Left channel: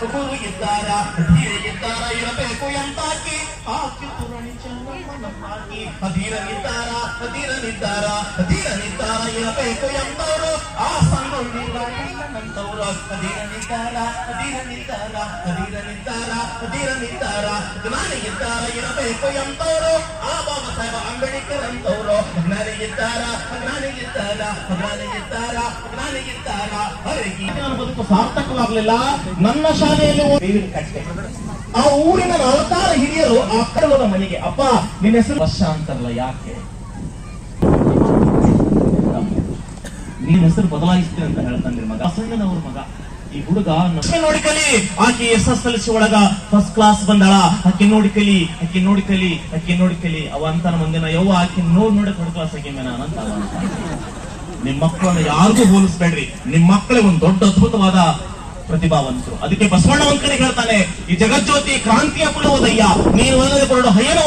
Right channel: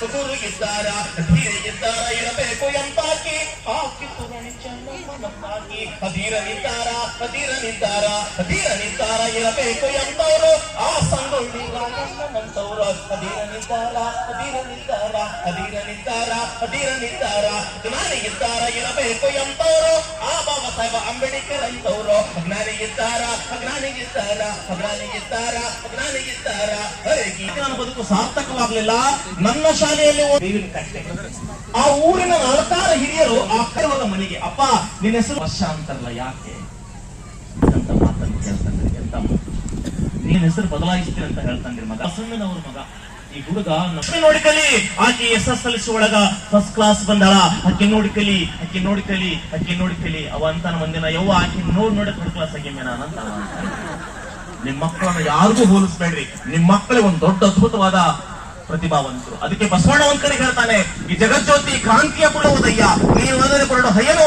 ಗುರು ಇದ್ದಾರ ಧೀರ ಇದ್ದಾರ ಇರಬೇಕು ಎಂತಾಕಿ ಹಾಕಿತು ನಣಿಚಾಕಿ ಅಧೀರ ನಿದ್ದಾರ ಇರಬೇಕು ಎಂತವರು ಆ ಸಂಗೊಳ್ಳಿರಂತವರು ಅಧೀರ ನಿದ್ದಾರ ಜ್ಞಾನಿ ಇದ್ದಾರ ಇರಬೇಕು ಎಂತವರು ಆ ಬಾಬಾ ಸಾಹೇಬ ಅಂಬೇಡ್ಕರ್ ಅಂತವರು ಜ್ಞಾನಿ ಇದ್ದಾರ ನನ್ನ ಬದುಕು ಸಾರ್ಥಕವಾಗಲಿಲ್ಲ. ನನ್ನ ಶಾಲೆಯಲ್ಲಿ ಬೇವಿನ ಕಟ್ಟೆ, ಆ ಊರಿನ 46 ಹಿರಿಯರು ಆ ಕಡಲದ ಮನೆಗೆ, ಅಪ್ಪ ನಿನ್ನ ಹೆಸರು ವರ್ಷ ಅಂತಾರಲ್ಲ, ಯಾಕೆ ನಿನ್ನ ಹೆಸರು ಬದಲಾಯಿಸ್ತೀನಿ ಅಂತ ಹೇಳ್ತಾನೆ ಮಗ, ಬಸಣ್ಣನವ್ರ ಮಗ. ಈ ಹುಡುಗ ನೋಡಿಕಲಿ, ಆಕೆ SSLC ಒಳಗ ಫಸ್ಟ್ ಕ್ಲಾಸ್ ಬಂದಾಳ, ಆಕೆ ನೋಡಿಕಲಿ ಅವ ಅಂತಾನ ಮುಂದಿನ ಯವ್ವ ಆಕೆ ನೋಡಕ್ ಥರ್ಡ್ ಕ್ಲಾಸ್ ಆಗ್ಯಾನ ಅಂತ. ನಿಮ್ ಮಕ್ಕಳನ್ನ ಯಾರಿಗೂ ಹೋಲಿಸ್ಬೇಡ್ರಿ, ನಿಮ್ ಮಕ್ಕಳಿಗೆ ಒಂದು ದೊಡ್ಡ ಅದ್ಭುತವಾದ ಪ್ರತಿಭಾವಂತರು. ಅದಕ್ಕೆ ಬಸವಣ್ಣ ಒಂದ್ ಕಡೆ ಹೇಳ್ತಾನೆ, ಈ ಜಗಜ್ಯೋತಿ ಕ್ರಾಂತಿಯ ಪುಡೋದಯ್ಯ, ನೀವು ಹೊರಡು ಹಯ್ಯನ